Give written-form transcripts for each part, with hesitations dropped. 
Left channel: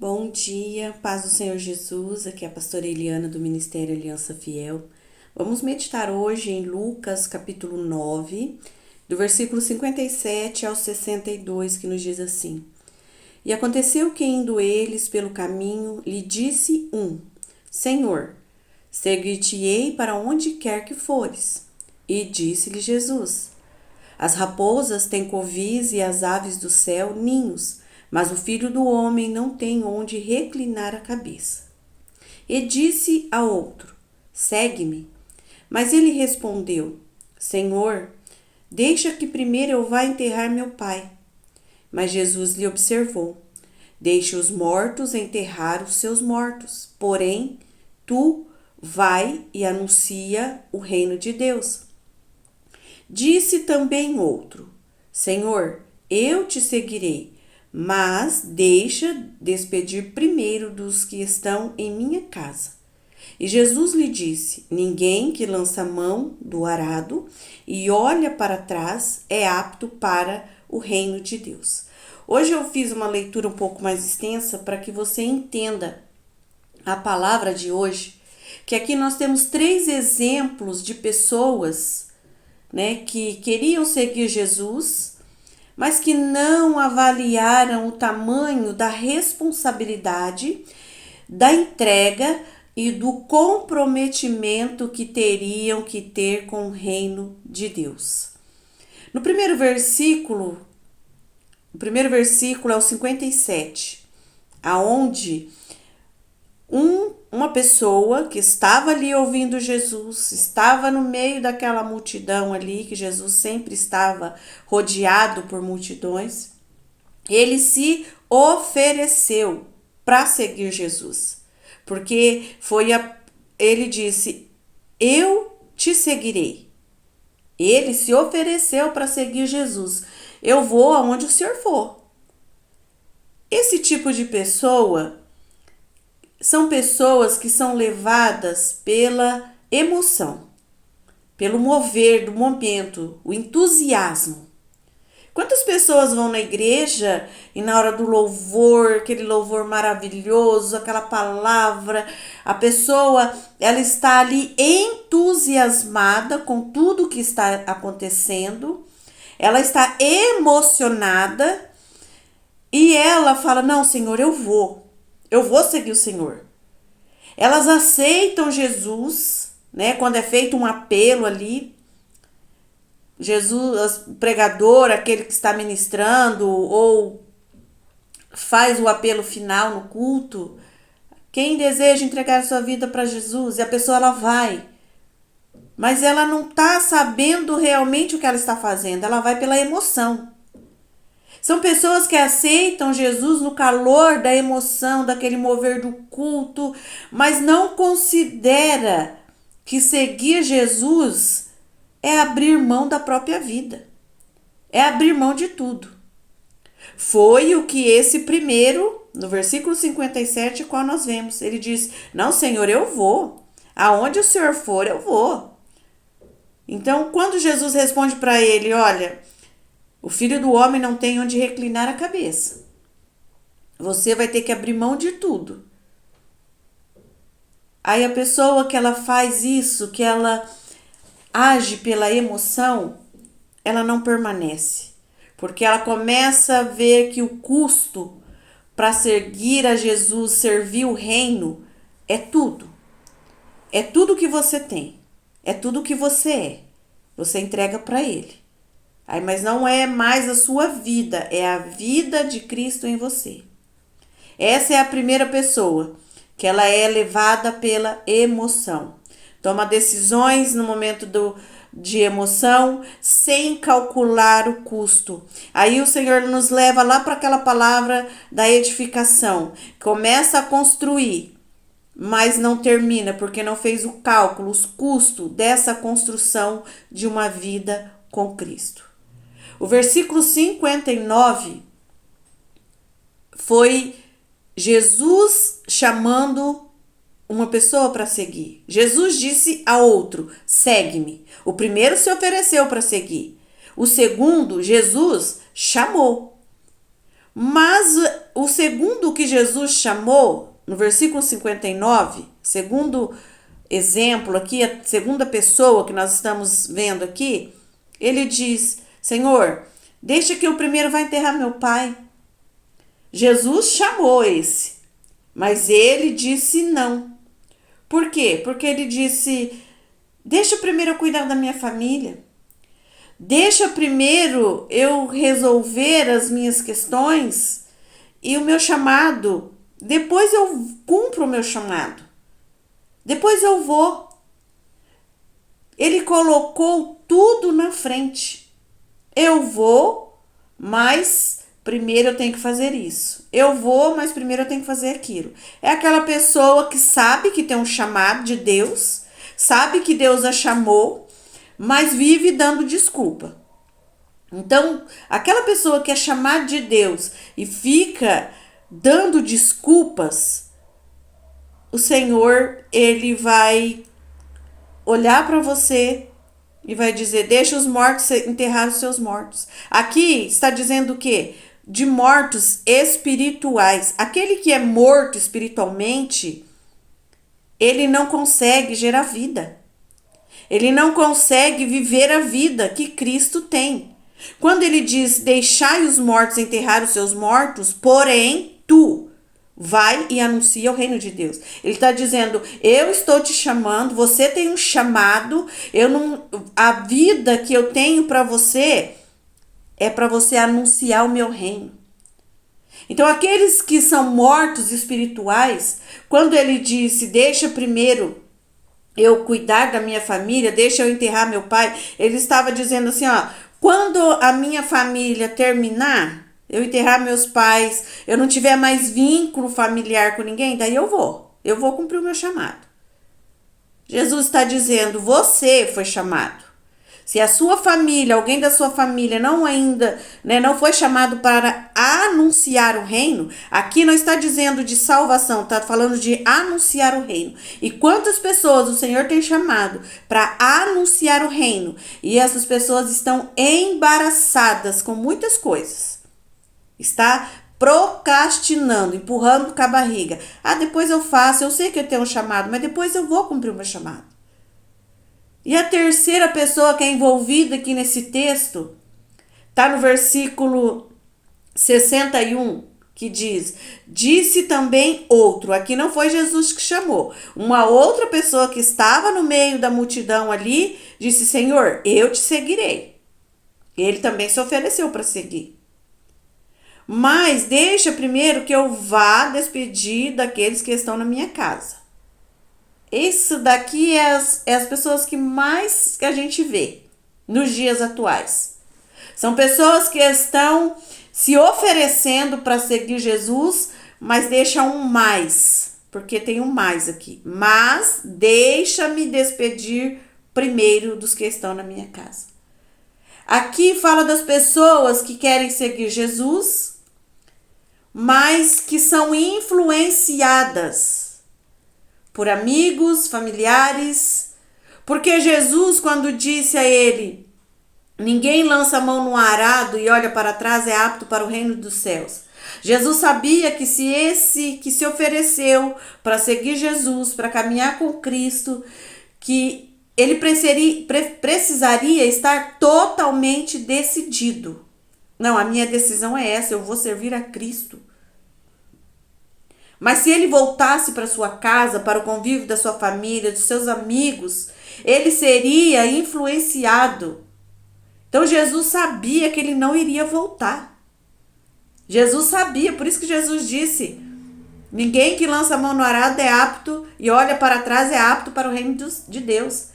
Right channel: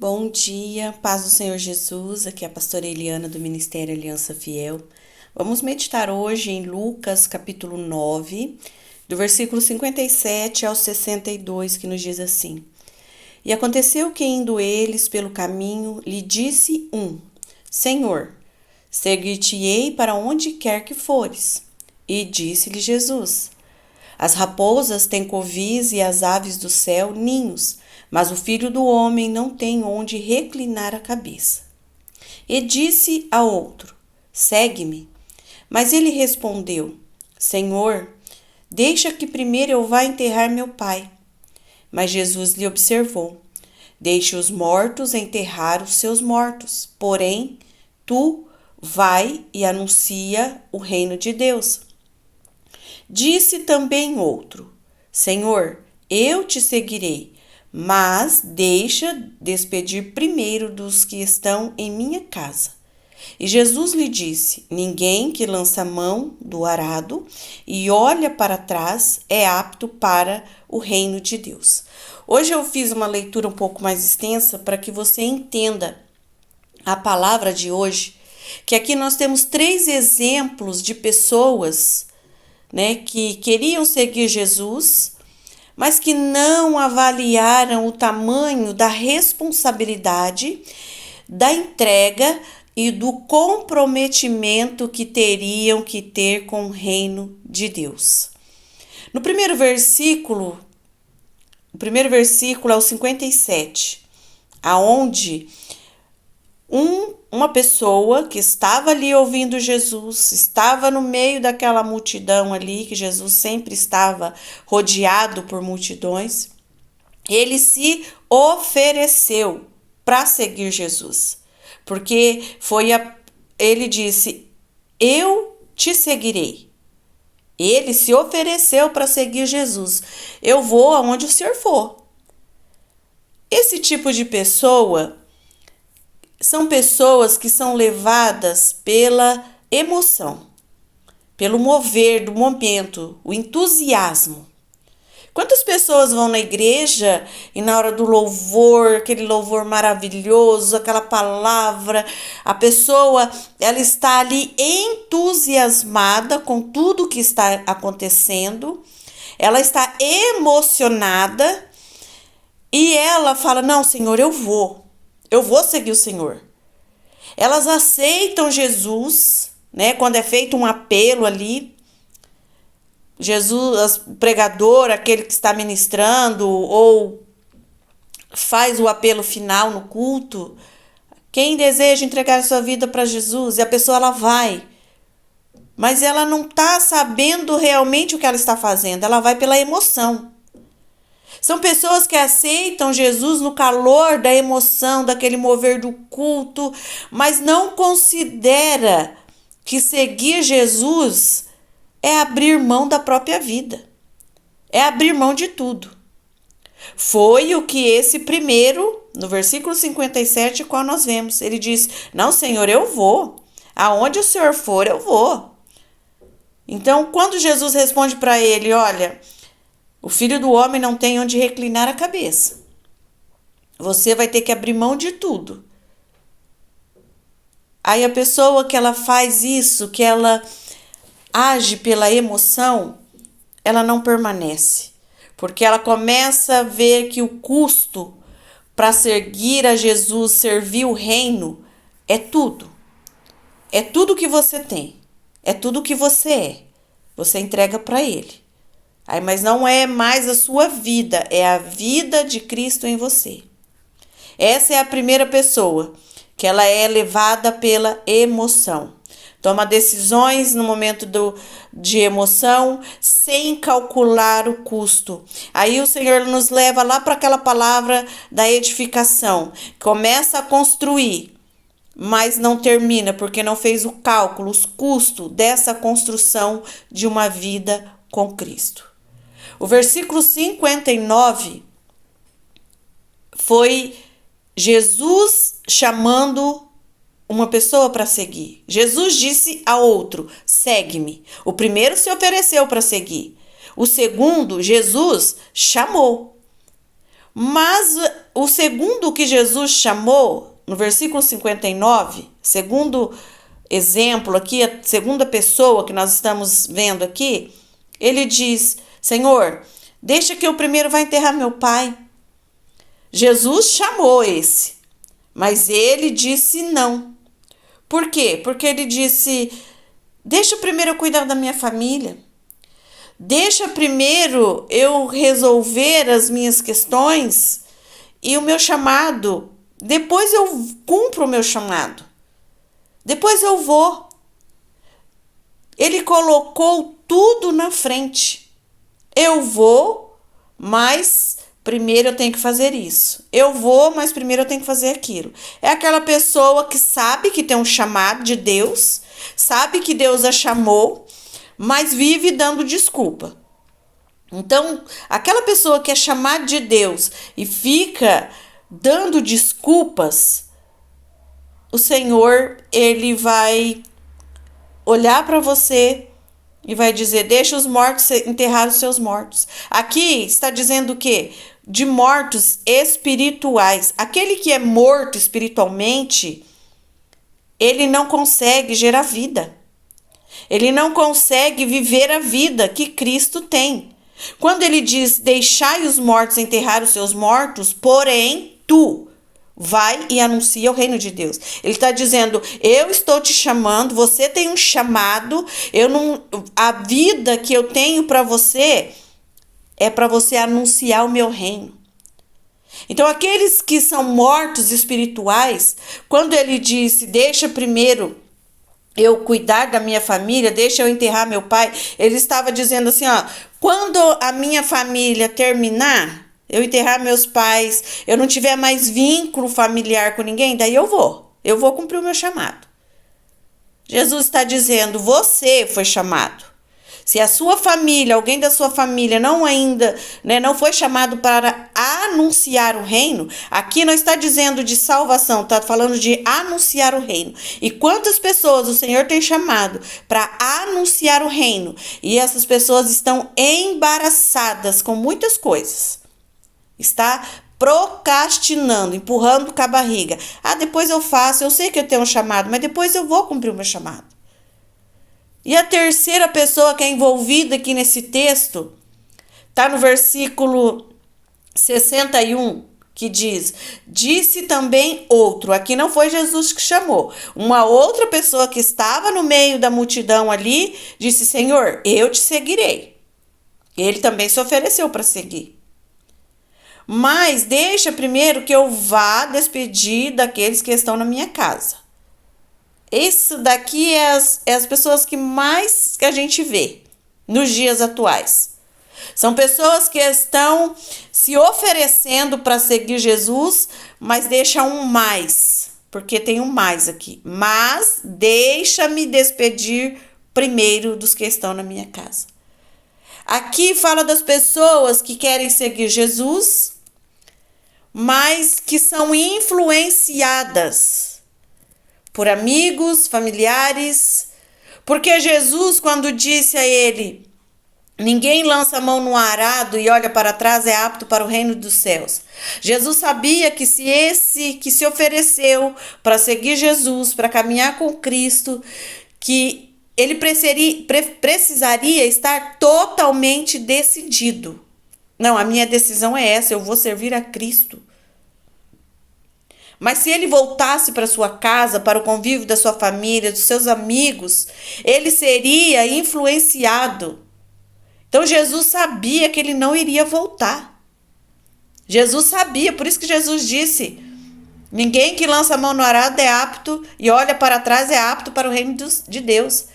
Bom dia, paz do Senhor Jesus, aqui é a pastora Eliana do Ministério Aliança Fiel. Vamos meditar hoje em Lucas capítulo 9, do versículo 57 ao 62, que nos diz assim: E aconteceu que indo eles pelo caminho, lhe disse um: Senhor, seguir-te-ei para onde quer que fores. E disse-lhe Jesus: As raposas têm covis e as aves do céu ninhos, mas o filho do homem não tem onde reclinar a cabeça. E disse a outro: Segue-me. Mas ele respondeu: Senhor, deixa que primeiro eu vá enterrar meu pai. Mas Jesus lhe observou: Deixe os mortos enterrar os seus mortos, porém, tu vai e anuncia o reino de Deus. Disse também outro: Senhor, eu te seguirei, mas deixa despedir primeiro dos que estão em minha casa. E Jesus lhe disse: Ninguém que lança a mão do arado e olha para trás é apto para o reino de Deus. Hoje eu fiz uma leitura um pouco mais extensa para que você entenda a palavra de hoje, que aqui nós temos 3 exemplos de pessoas, que queriam seguir Jesus, mas que não avaliaram o tamanho da responsabilidade, da entrega e do comprometimento que teriam que ter com o reino de Deus. No primeiro versículo é o 57, aonde uma pessoa que estava ali ouvindo Jesus, estava no meio daquela multidão ali, que Jesus sempre estava rodeado por multidões, ele se ofereceu para seguir Jesus, porque ele disse: Eu te seguirei. Ele se ofereceu para seguir Jesus. Eu vou aonde o Senhor for. Esse tipo de pessoa são pessoas que são levadas pela emoção, pelo mover do momento, o entusiasmo. Quantas pessoas vão na igreja e na hora do louvor, aquele louvor maravilhoso, aquela palavra, a pessoa ela está ali entusiasmada com tudo que está acontecendo, ela está emocionada e ela fala: Não, Senhor, eu vou seguir o Senhor. Elas aceitam Jesus, quando é feito um apelo ali, Jesus, o pregador, aquele que está ministrando ou faz o apelo final no culto, quem deseja entregar a sua vida para Jesus, e a pessoa ela vai, mas ela não está sabendo realmente o que ela está fazendo, ela vai pela emoção. São pessoas que aceitam Jesus no calor da emoção, daquele mover do culto, mas não considera que seguir Jesus é abrir mão da própria vida. É abrir mão de tudo. Foi o que esse primeiro, no versículo 57, qual nós vemos. Ele diz: Não, Senhor, eu vou. Aonde o Senhor for, eu vou. Então, quando Jesus responde para ele: Olha, o filho do homem não tem onde reclinar a cabeça. Você vai ter que abrir mão de tudo. Aí a pessoa que ela faz isso, que ela age pela emoção, ela não permanece. Porque ela começa a ver que o custo para seguir a Jesus, servir o reino, é tudo. É tudo que você tem. É tudo que você é. Você entrega para ele. Aí, mas não é mais a sua vida, é a vida de Cristo em você. Essa é a primeira pessoa, que ela é levada pela emoção. Toma decisões no momento de emoção, sem calcular o custo. Aí o Senhor nos leva lá para aquela palavra da edificação. Começa a construir, mas não termina, porque não fez o cálculo, os custos dessa construção de uma vida com Cristo. O versículo 59 foi Jesus chamando uma pessoa para seguir. Jesus disse a outro: segue-me. O primeiro se ofereceu para seguir. O segundo, Jesus chamou. Mas o segundo que Jesus chamou, no versículo 59, segundo exemplo aqui, a segunda pessoa que nós estamos vendo aqui, ele diz: Senhor, deixa que eu primeiro vá enterrar meu pai. Jesus chamou esse, mas ele disse não. Por quê? Porque ele disse: deixa primeiro eu cuidar da minha família. Deixa primeiro eu resolver as minhas questões e o meu chamado. Depois eu cumpro o meu chamado. Depois eu vou. Ele colocou tudo na frente. Eu vou, mas primeiro eu tenho que fazer isso. Eu vou, mas primeiro eu tenho que fazer aquilo. É aquela pessoa que sabe que tem um chamado de Deus, sabe que Deus a chamou, mas vive dando desculpa. Então, aquela pessoa que é chamada de Deus e fica dando desculpas, o Senhor, ele vai olhar para você e vai dizer: deixa os mortos enterrar os seus mortos. Aqui está dizendo o quê? De mortos espirituais. Aquele que é morto espiritualmente, ele não consegue gerar vida. Ele não consegue viver a vida que Cristo tem. Quando ele diz: deixai os mortos enterrar os seus mortos, porém tu vai e anuncia o reino de Deus. Ele está dizendo: eu estou te chamando, você tem um chamado, a vida que eu tenho para você é para você anunciar o meu reino. Então, aqueles que são mortos espirituais, quando ele disse: deixa primeiro eu cuidar da minha família, deixa eu enterrar meu pai, ele estava dizendo assim, ó: quando a minha família terminar, eu enterrar meus pais, eu não tiver mais vínculo familiar com ninguém, daí eu vou cumprir o meu chamado. Jesus está dizendo: você foi chamado. Se a sua família, alguém da sua família não foi chamado para anunciar o reino, aqui não está dizendo de salvação, está falando de anunciar o reino. E quantas pessoas o Senhor tem chamado para anunciar o reino? E essas pessoas estão embaraçadas com muitas coisas. Está procrastinando, empurrando com a barriga. Depois eu faço, eu sei que eu tenho um chamado, mas depois eu vou cumprir o meu chamado. E a terceira pessoa que é envolvida aqui nesse texto está no versículo 61, que diz: disse também outro. Aqui não foi Jesus que chamou. Uma outra pessoa que estava no meio da multidão ali disse: Senhor, eu te seguirei. Ele também se ofereceu para seguir. Mas deixa primeiro que eu vá despedir daqueles que estão na minha casa. Isso daqui é as pessoas que mais a gente vê nos dias atuais. São pessoas que estão se oferecendo para seguir Jesus, mas deixam um mais, porque tem um mais aqui. Mas deixa-me despedir primeiro dos que estão na minha casa. Aqui fala das pessoas que querem seguir Jesus, mas que são influenciadas por amigos, familiares, porque Jesus, quando disse a ele: ninguém lança a mão no arado e olha para trás é apto para o reino dos céus. Jesus sabia que se esse que se ofereceu para seguir Jesus, para caminhar com Cristo, que ele precisaria estar totalmente decidido. Não, a minha decisão é essa, eu vou servir a Cristo. Mas se ele voltasse para sua casa, para o convívio da sua família, dos seus amigos, ele seria influenciado. Então Jesus sabia que ele não iria voltar. Jesus sabia, por isso que Jesus disse: ninguém que lança a mão no arado é apto e olha para trás é apto para o reino de Deus.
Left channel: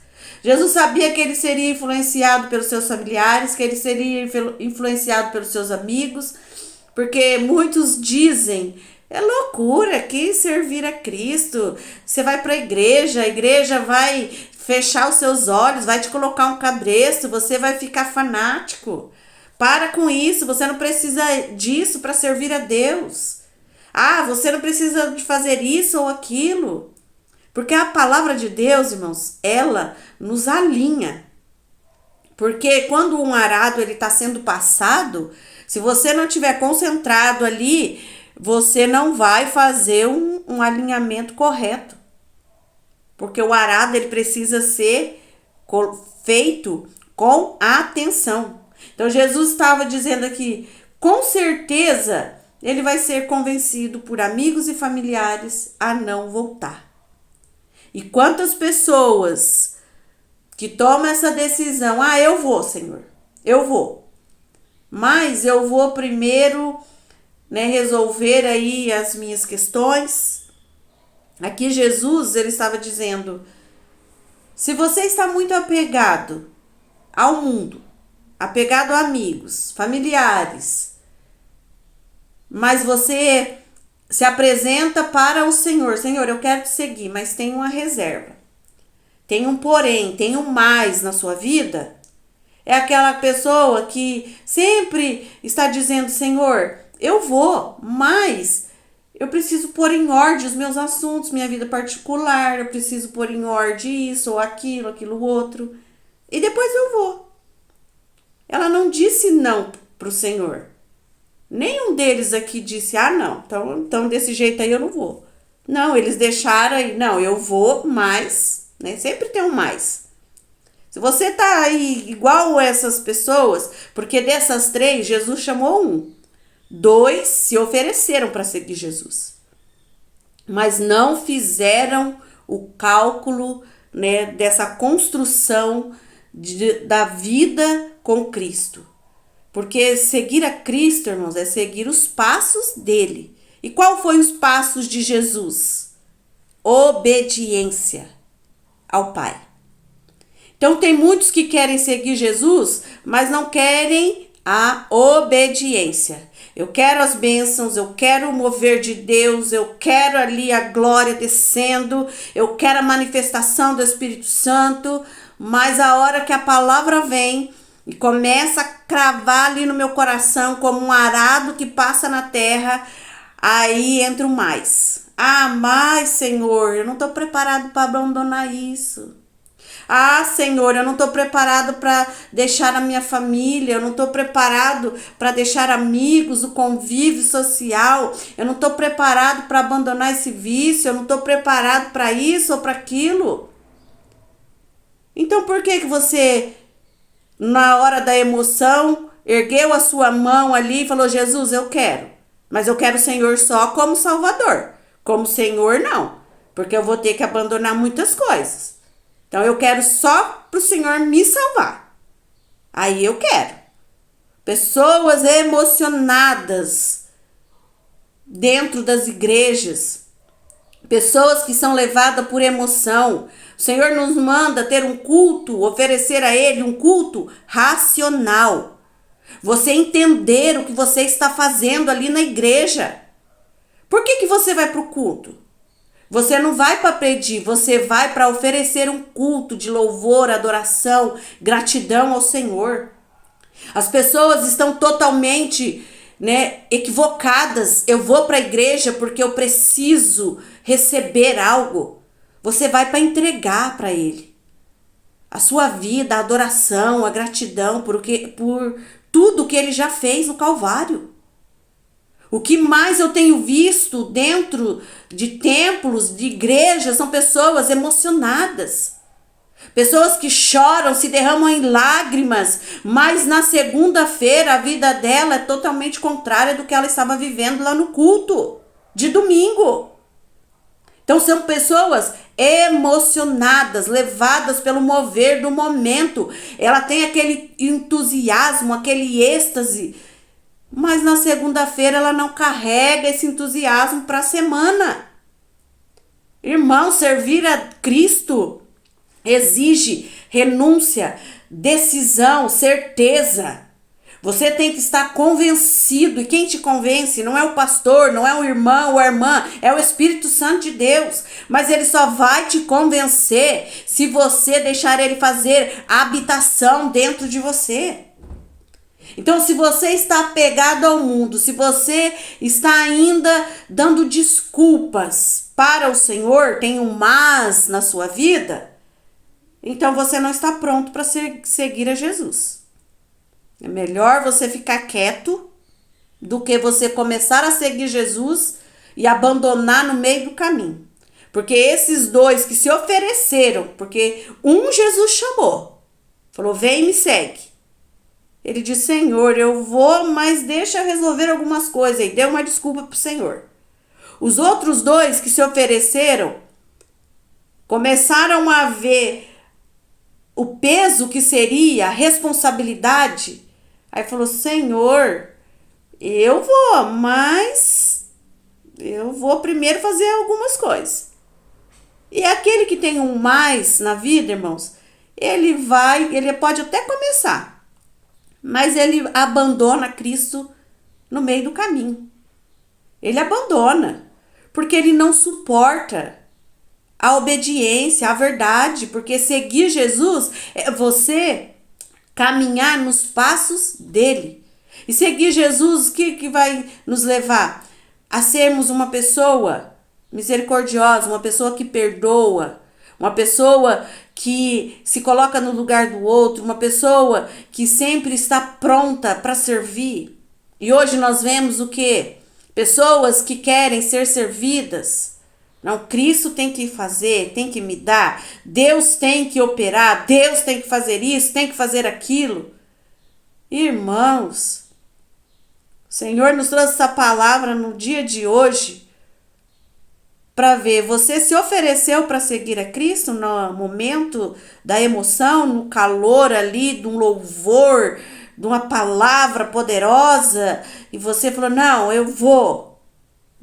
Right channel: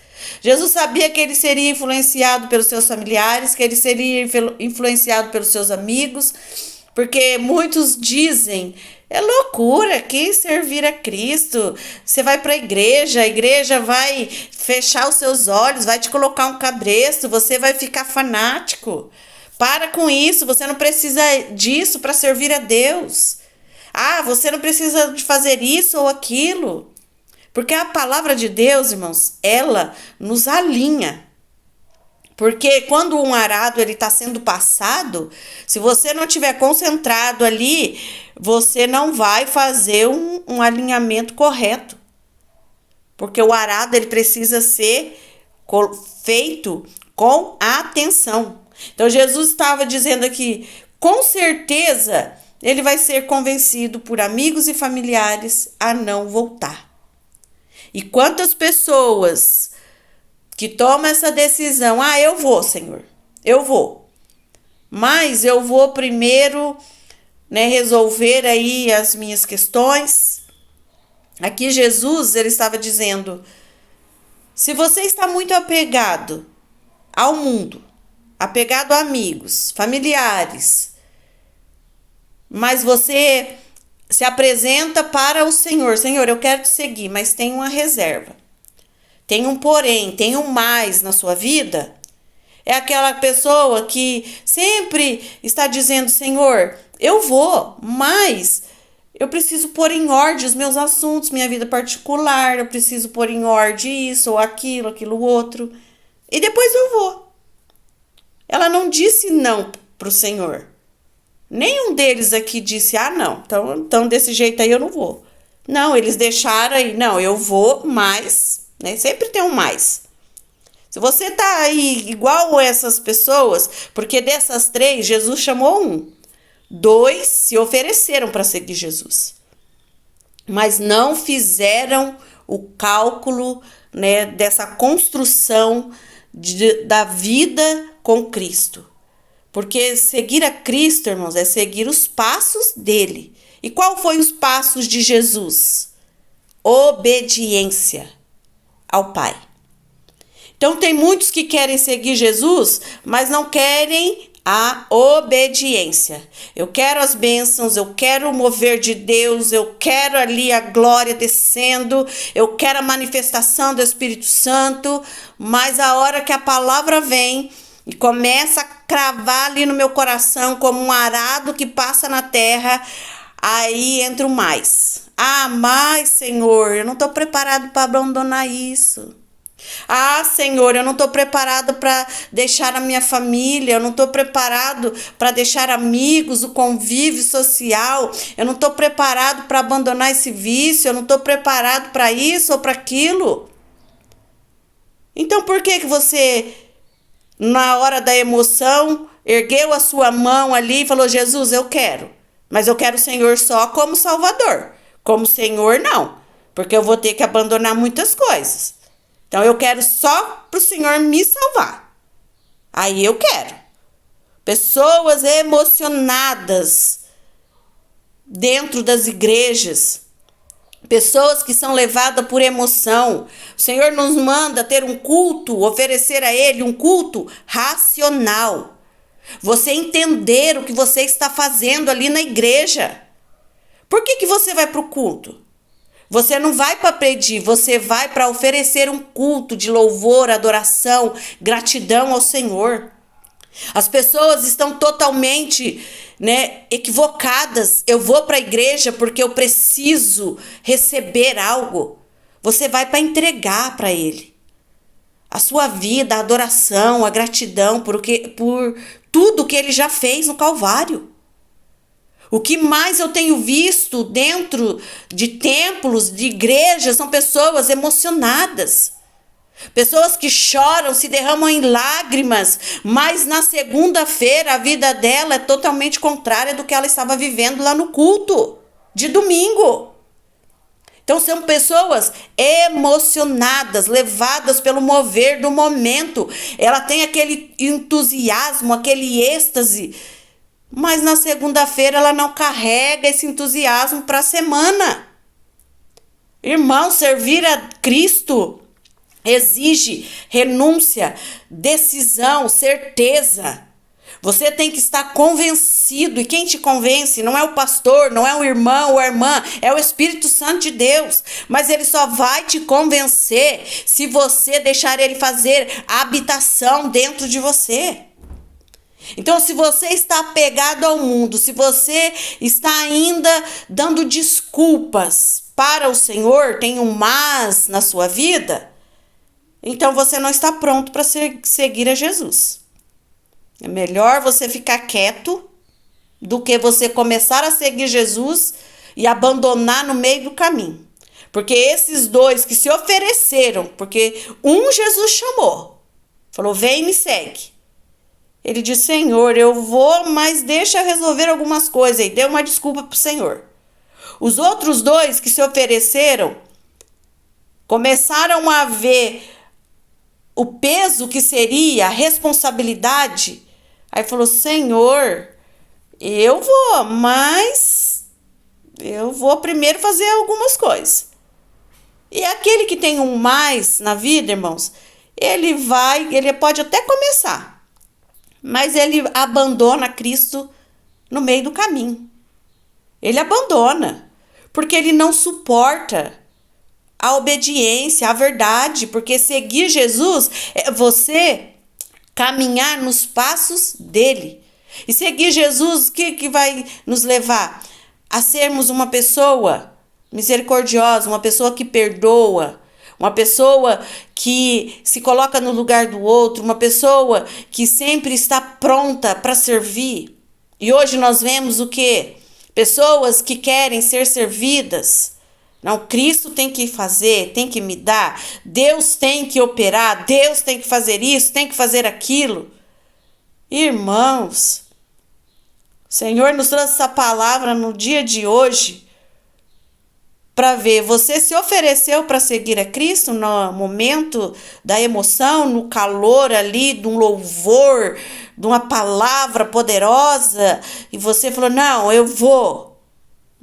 Jesus sabia que ele seria influenciado pelos seus familiares, que ele seria influenciado pelos seus amigos, porque muitos dizem: é loucura que servir a Cristo. Você vai para a igreja vai fechar os seus olhos, vai te colocar um cabresto, você vai ficar fanático. Para com isso, você não precisa disso para servir a Deus. Você não precisa de fazer isso ou aquilo. Porque a palavra de Deus, irmãos, ela nos alinha. Porque quando um arado ele está sendo passado, se você não estiver concentrado ali, você não vai fazer um alinhamento correto. Porque o arado ele precisa ser feito com atenção. Então Jesus estava dizendo aqui, com certeza ele vai ser convencido por amigos e familiares a não voltar. E quantas pessoas que tomam essa decisão, eu vou, Senhor, eu vou. Mas eu vou primeiro, resolver aí as minhas questões. Aqui Jesus, ele estava dizendo, se você está muito apegado ao mundo, apegado a amigos, familiares, mas você se apresenta para o Senhor, Senhor, eu quero te seguir, mas tem uma reserva, tem um porém, tem um mais na sua vida, é aquela pessoa que sempre está dizendo, Senhor, eu vou, mas eu preciso pôr em ordem os meus assuntos, minha vida particular, eu preciso pôr em ordem isso ou aquilo outro, e depois eu vou. Ela não disse não para o Senhor. Nenhum deles aqui disse, não, então desse jeito aí eu não vou. Não, eles deixaram aí, não, eu vou, mas, sempre tem um mais. Se você tá aí igual essas pessoas, porque dessas 3, Jesus chamou 1. 2 se ofereceram para seguir Jesus. Mas não fizeram o cálculo, dessa construção da vida com Cristo. Porque seguir a Cristo, irmãos, é seguir os passos dele. E qual foi os passos de Jesus? Obediência ao Pai. Então tem muitos que querem seguir Jesus, mas não querem a obediência. Eu quero as bênçãos, eu quero o mover de Deus, eu quero ali a glória descendo, eu quero a manifestação do Espírito Santo, mas a hora que a palavra vem e começa a cravar ali no meu coração como um arado que passa na terra, aí entra o mais. Mas Senhor, eu não estou preparado para abandonar isso. Senhor, eu não estou preparado para deixar a minha família, eu não estou preparado para deixar amigos, o convívio social, eu não estou preparado para abandonar esse vício, eu não estou preparado para isso ou para aquilo. Então por que você, na hora da emoção, ergueu a sua mão ali e falou, Jesus, eu quero, mas eu quero o Senhor só como Salvador, como Senhor não, porque eu vou ter que abandonar muitas coisas. Então, eu quero só para o Senhor me salvar. Aí eu quero. Pessoas emocionadas dentro das igrejas. Pessoas que são levadas por emoção. O Senhor nos manda ter um culto, oferecer a Ele um culto racional. Você entender o que você está fazendo ali na igreja. Por que você vai para o culto? Você não vai para pedir, você vai para oferecer um culto de louvor, adoração, gratidão ao Senhor. As pessoas estão totalmente, equivocadas. Eu vou para a igreja porque eu preciso receber algo. Você vai para entregar para Ele a sua vida, a adoração, a gratidão por tudo que Ele já fez no Calvário. O que mais eu tenho visto dentro de templos, de igrejas, são pessoas emocionadas. Pessoas que choram, se derramam em lágrimas, mas na segunda-feira a vida dela é totalmente contrária do que ela estava vivendo lá no culto de domingo. Então são pessoas emocionadas, levadas pelo mover do momento. Ela tem aquele entusiasmo, aquele êxtase, mas na segunda-feira ela não carrega esse entusiasmo para a semana. Irmão, servir a Cristo exige renúncia, decisão, certeza. Você tem que estar convencido. E quem te convence não é o pastor, não é o irmão ou a irmã, é o Espírito Santo de Deus. Mas ele só vai te convencer se você deixar ele fazer a habitação dentro de você. Então, se você está apegado ao mundo, se você está ainda dando desculpas para o Senhor, tem um mas na sua vida, então você não está pronto para seguir a Jesus. É melhor você ficar quieto do que você começar a seguir Jesus e abandonar no meio do caminho. Porque esses dois que se ofereceram, porque um Jesus chamou, falou, vem e me segue. Ele disse, Senhor, eu vou, mas deixa eu resolver algumas coisas. E deu uma desculpa para o Senhor. Os outros dois que se ofereceram, começaram a ver o peso que seria, a responsabilidade. Aí falou, Senhor, eu vou, mas eu vou primeiro fazer algumas coisas. E aquele que tem um mais na vida, irmãos, ele pode até começar, mas ele abandona Cristo no meio do caminho. Ele abandona, porque ele não suporta a obediência, a verdade, porque seguir Jesus é você caminhar nos passos dele. E seguir Jesus, o que vai nos levar? A sermos uma pessoa misericordiosa, uma pessoa que perdoa, uma pessoa que se coloca no lugar do outro, uma pessoa que sempre está pronta para servir. E hoje nós vemos o quê? Pessoas que querem ser servidas. Não, Cristo tem que fazer, tem que me dar, Deus tem que operar, Deus tem que fazer isso, tem que fazer aquilo. Irmãos, o Senhor nos trouxe essa palavra no dia de hoje para ver, você se ofereceu para seguir a Cristo no momento da emoção, no calor ali, de um louvor, de uma palavra poderosa, e você falou, não, eu vou.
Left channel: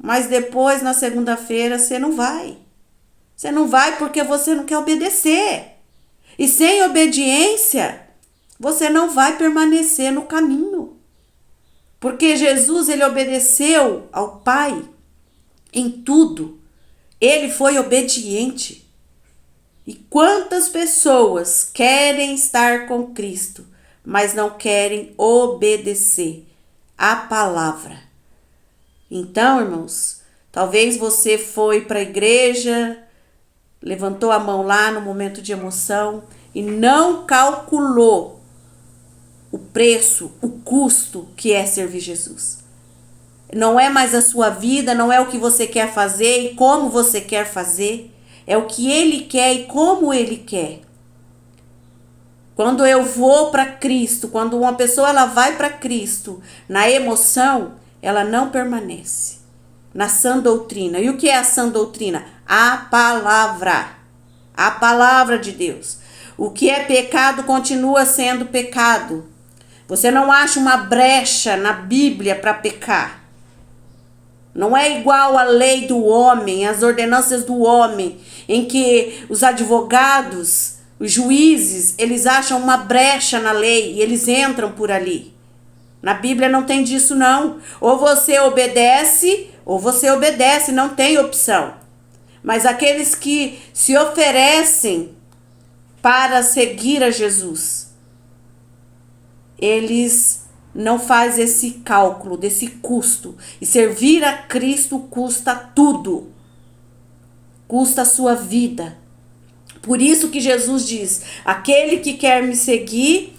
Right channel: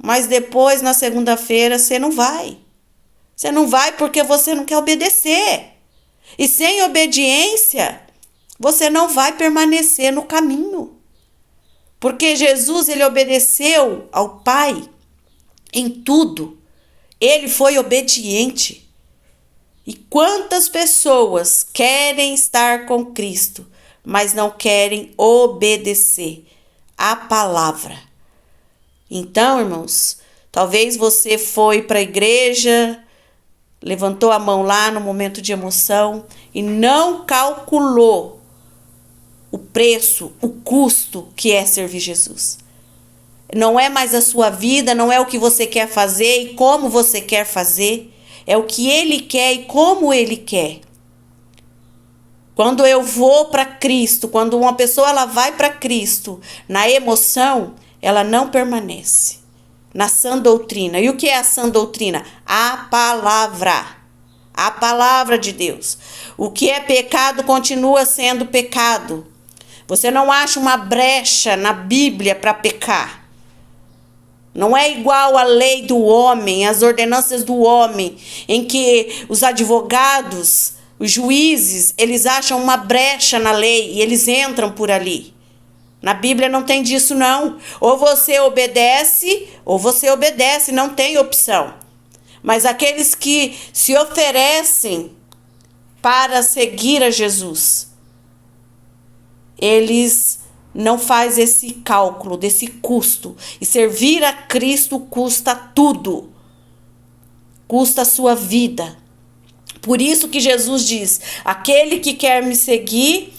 Mas depois, na segunda-feira, você não vai. Você não vai porque você não quer obedecer. E sem obediência, você não vai permanecer no caminho. Porque Jesus, ele obedeceu ao Pai em tudo. Ele foi obediente. E quantas pessoas querem estar com Cristo, mas não querem obedecer à palavra? Então, irmãos, talvez você foi para a igreja, levantou a mão lá no momento de emoção e não calculou o preço, o custo que é servir Jesus. Não é mais a sua vida, não é o que você quer fazer e como você quer fazer. É o que Ele quer e como Ele quer. Quando eu vou para Cristo, quando uma pessoa ela vai para Cristo na emoção, ela não permanece na sã doutrina. E o que é a sã doutrina? A palavra de Deus. O que é pecado continua sendo pecado. Você não acha uma brecha na Bíblia para pecar. Não é igual à lei do homem, às ordenanças do homem, em que os advogados, os juízes, eles acham uma brecha na lei e eles entram por ali. Na Bíblia não tem disso não. Ou você obedece, não tem opção. Mas aqueles que se oferecem para seguir a Jesus, eles não fazem esse cálculo desse custo. E servir a Cristo custa tudo. Custa a sua vida. Por isso que Jesus diz, aquele que quer me seguir,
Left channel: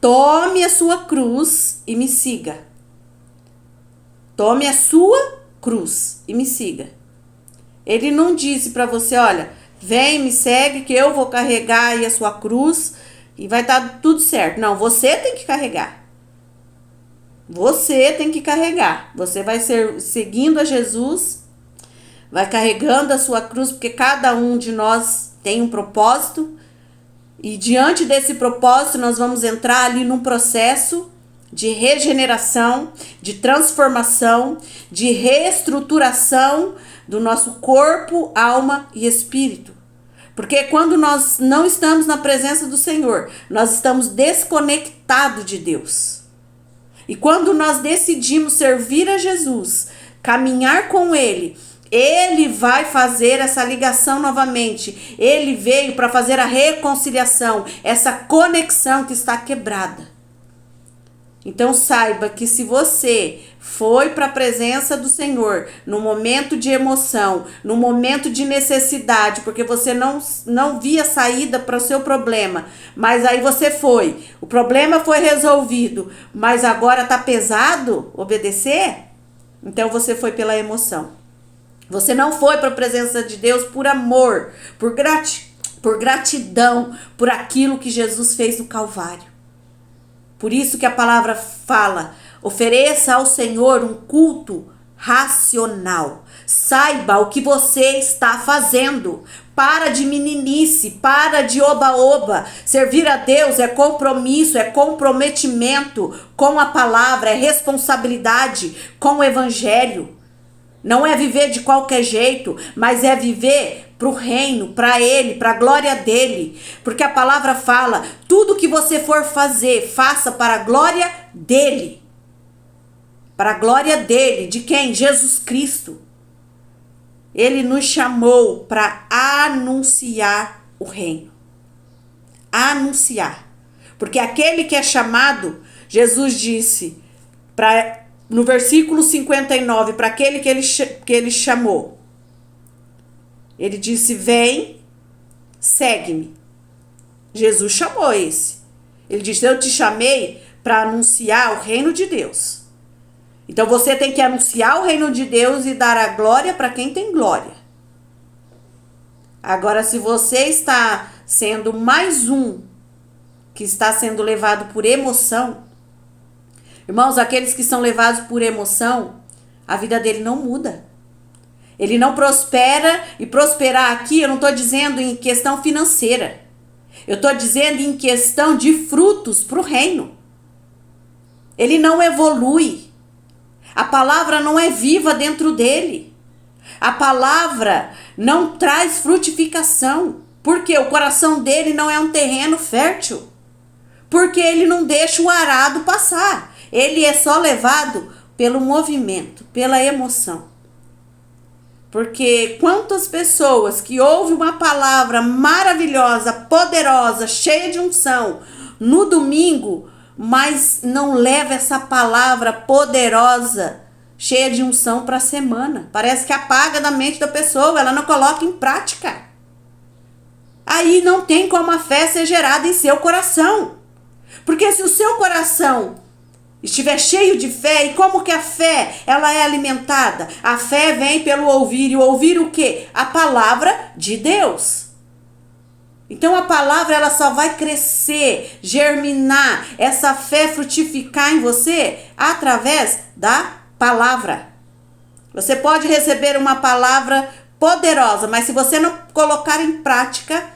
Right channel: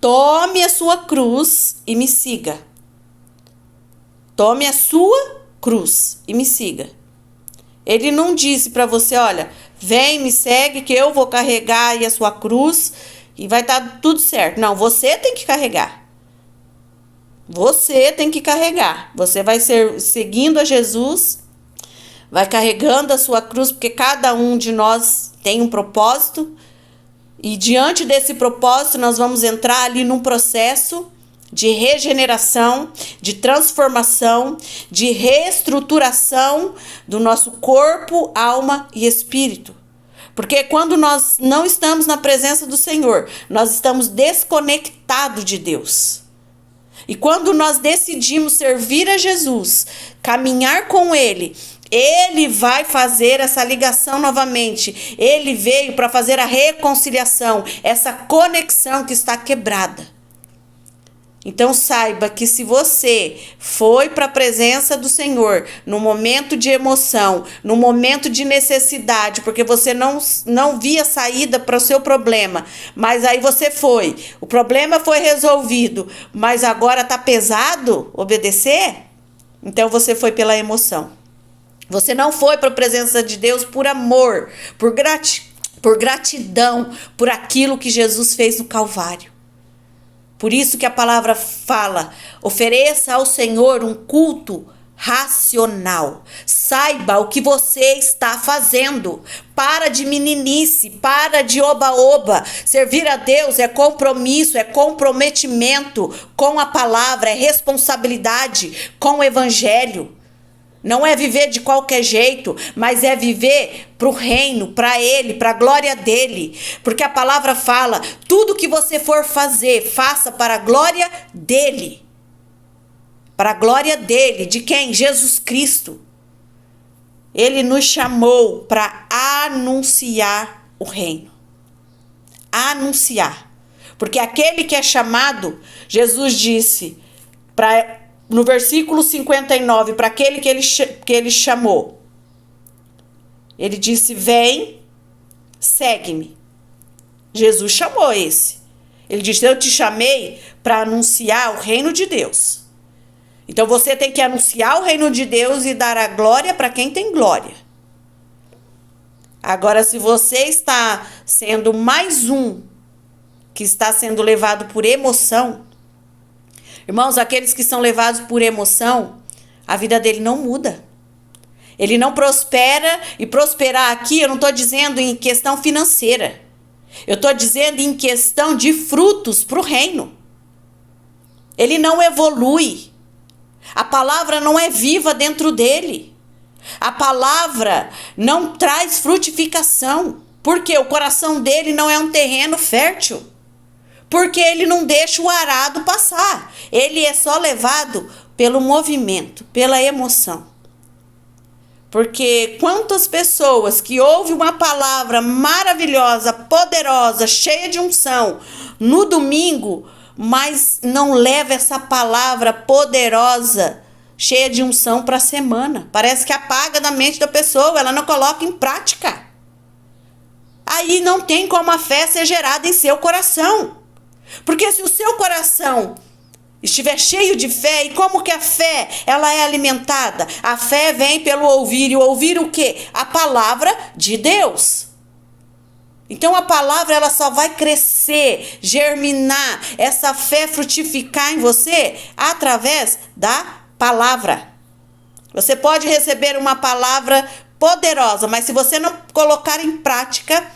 tome a sua cruz e me siga. Tome a sua cruz e me siga. Ele não disse para você, olha, vem, me segue que eu vou carregar aí a sua cruz e vai estar tudo certo. Não, você tem que carregar. Você tem que carregar. Você vai seguindo a Jesus, vai carregando a sua cruz, porque cada um de nós tem um propósito. E diante desse propósito, nós vamos entrar ali num processo de regeneração, de transformação, de reestruturação do nosso corpo, alma e espírito. Porque quando nós não estamos na presença do Senhor, nós estamos desconectados de Deus. E quando nós decidimos servir a Jesus, caminhar com Ele, Ele vai fazer essa ligação novamente. Ele veio para fazer a reconciliação, essa conexão que está quebrada. Então saiba que se você foi para a presença do Senhor no momento de emoção, no momento de necessidade, porque você não via saída para o seu problema, mas aí você foi, o problema foi resolvido, mas agora está pesado obedecer, então você foi pela emoção. Você não foi para a presença de Deus por amor, por gratidão, por aquilo que Jesus fez no Calvário. Por isso que a palavra fala, ofereça ao Senhor um culto racional. Saiba o que você está fazendo. Para de meninice, para de oba-oba. Servir a Deus é compromisso, é comprometimento com a palavra, é responsabilidade com o evangelho. Não é viver de qualquer jeito, mas é viver para o reino, para Ele, para a glória dEle. Porque a palavra fala, tudo que você for fazer, faça para a glória dEle. Para a glória dEle, de quem? Jesus Cristo. Ele nos chamou para anunciar o reino. Anunciar. Porque aquele que é chamado, Jesus disse, no versículo 59, para aquele que ele chamou, ele disse, vem, segue-me. Jesus chamou esse. Ele disse, eu te chamei para anunciar o reino de Deus. Então você tem que anunciar o reino de Deus e dar a glória para quem tem glória. Agora, se você está sendo mais um que está sendo levado por emoção, irmãos, aqueles que são levados por emoção, a vida dele não muda. Ele não prospera, e prosperar aqui eu não estou dizendo em questão financeira. Eu estou dizendo em questão de frutos para o reino. Ele não evolui. A palavra não é viva dentro dele. A palavra não traz frutificação. Porque o coração dele não é um terreno fértil. Porque ele não deixa o arado passar. Ele é só levado pelo movimento, pela emoção. Porque quantas pessoas que ouvem uma palavra maravilhosa, poderosa, cheia de unção, no domingo, mas não leva essa palavra poderosa, cheia de unção para a semana. Parece que apaga da mente da pessoa, ela não coloca em prática. Aí não tem como a fé ser gerada em seu coração. Porque se o seu coração estiver cheio de fé, e como que a fé ela é alimentada? A fé vem pelo ouvir, e ouvir o quê? A palavra de Deus. Então a palavra ela só vai crescer, germinar, essa fé frutificar em você através da palavra. Você pode receber uma palavra poderosa, mas se você não colocar em prática,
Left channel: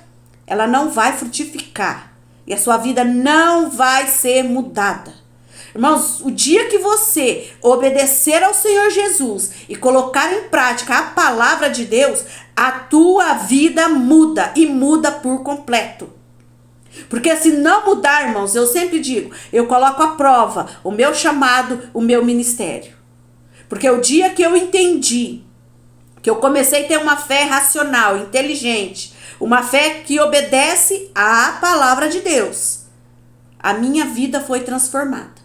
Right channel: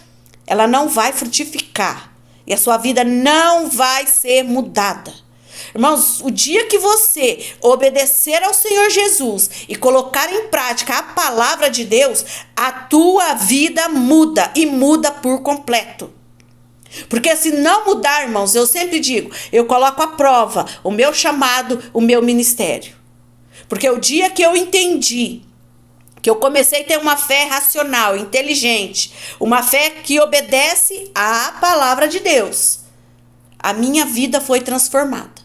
ela não vai frutificar. E a sua vida não vai ser mudada. Irmãos, o dia que você obedecer ao Senhor Jesus e colocar em prática a palavra de Deus, a tua vida muda e muda por completo. Porque se não mudar, irmãos, eu sempre digo, eu coloco à prova o meu chamado, o meu ministério. Porque o dia que eu entendi que eu comecei a ter uma fé racional, inteligente, uma fé que obedece à palavra de Deus, a minha vida foi transformada.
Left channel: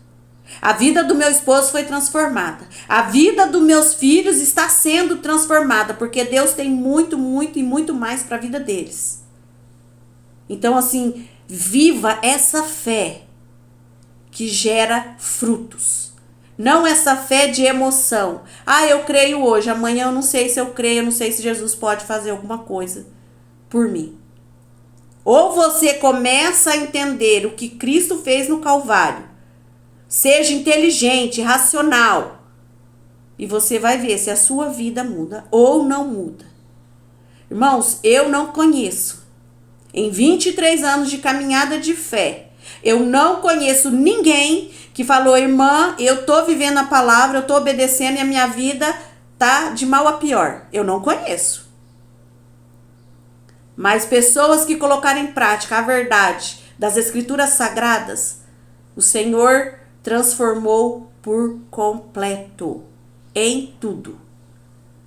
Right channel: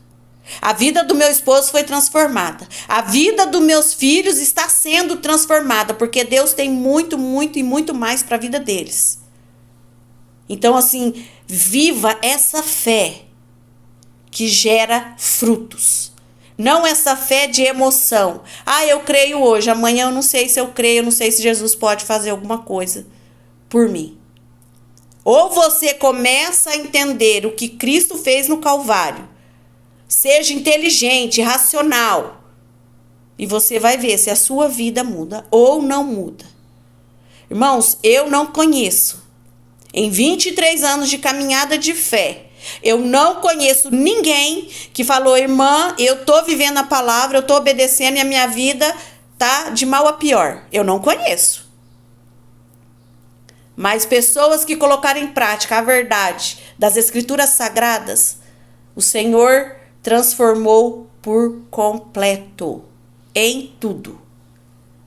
A vida do meu esposo foi transformada. A vida dos meus filhos está sendo transformada, porque Deus tem muito, muito e muito mais para a vida deles. Então, assim, viva essa fé que gera frutos. Não essa fé de emoção. Ah, eu creio hoje, amanhã eu não sei se eu creio, eu não sei se Jesus pode fazer alguma coisa por mim. Ou você começa a entender o que Cristo fez no Calvário, seja inteligente, racional, e você vai ver se a sua vida muda ou não muda. Irmãos, eu não conheço, em 23 anos de caminhada de fé, eu não conheço ninguém que falou, irmã, eu tô vivendo a palavra, eu tô obedecendo e a minha vida tá de mal a pior. Eu não conheço. Mas pessoas que colocaram em prática a verdade das escrituras sagradas, o Senhor transformou por completo, em tudo.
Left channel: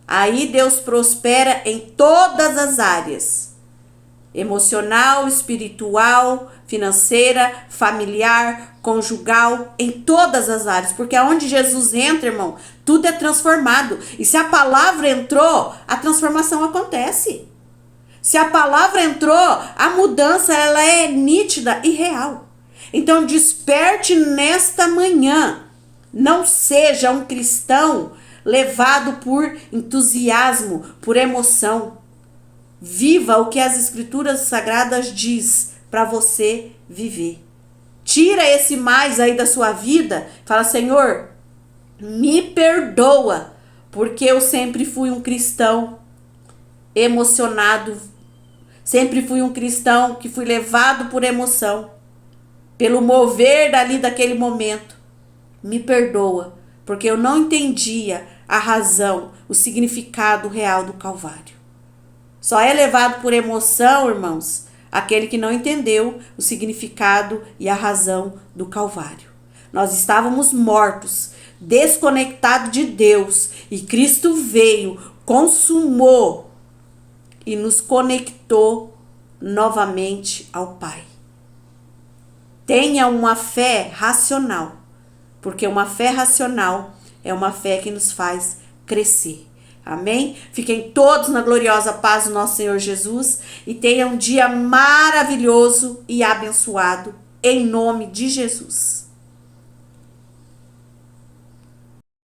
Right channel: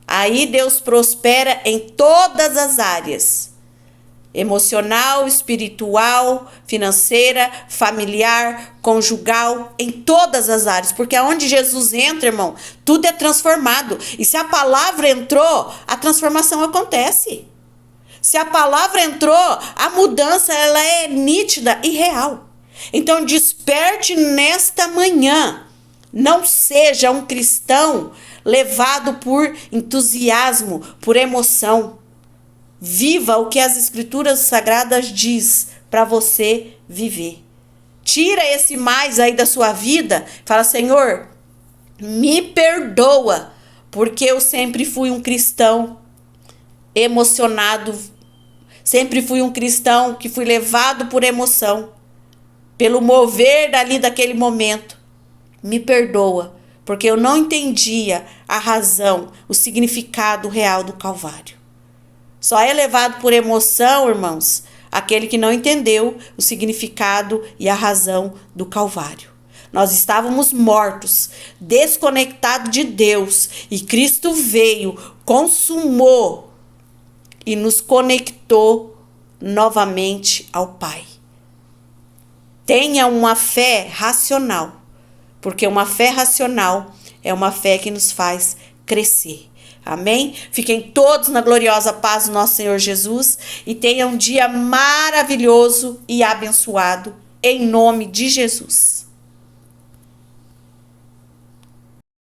Aí Deus prospera em todas as áreas. emocional, espiritual, financeira, familiar, conjugal, em todas as áreas. Porque aonde Jesus entra, irmão, tudo é transformado. E se a palavra entrou, a transformação acontece. Se a palavra entrou, a mudança ela é nítida e real. Então desperte nesta manhã. Não seja um cristão levado por entusiasmo, por emoção. Viva o que as escrituras sagradas diz para você viver. Tira esse mais aí da sua vida. Fala, Senhor, me perdoa, porque eu sempre fui um cristão emocionado. Sempre fui um cristão que fui levado por emoção, pelo mover dali daquele momento. Me perdoa, porque eu não entendia a razão, o significado real do Calvário. Só é levado por emoção, irmãos, aquele que não entendeu o significado e a razão do Calvário. Nós estávamos mortos, desconectados de Deus, e Cristo veio, consumou e nos conectou novamente ao Pai. Tenha uma fé racional, porque uma fé racional é uma fé que nos faz crescer. Amém? Fiquem todos na gloriosa paz do nosso Senhor Jesus e tenham um dia maravilhoso e abençoado em nome de Jesus.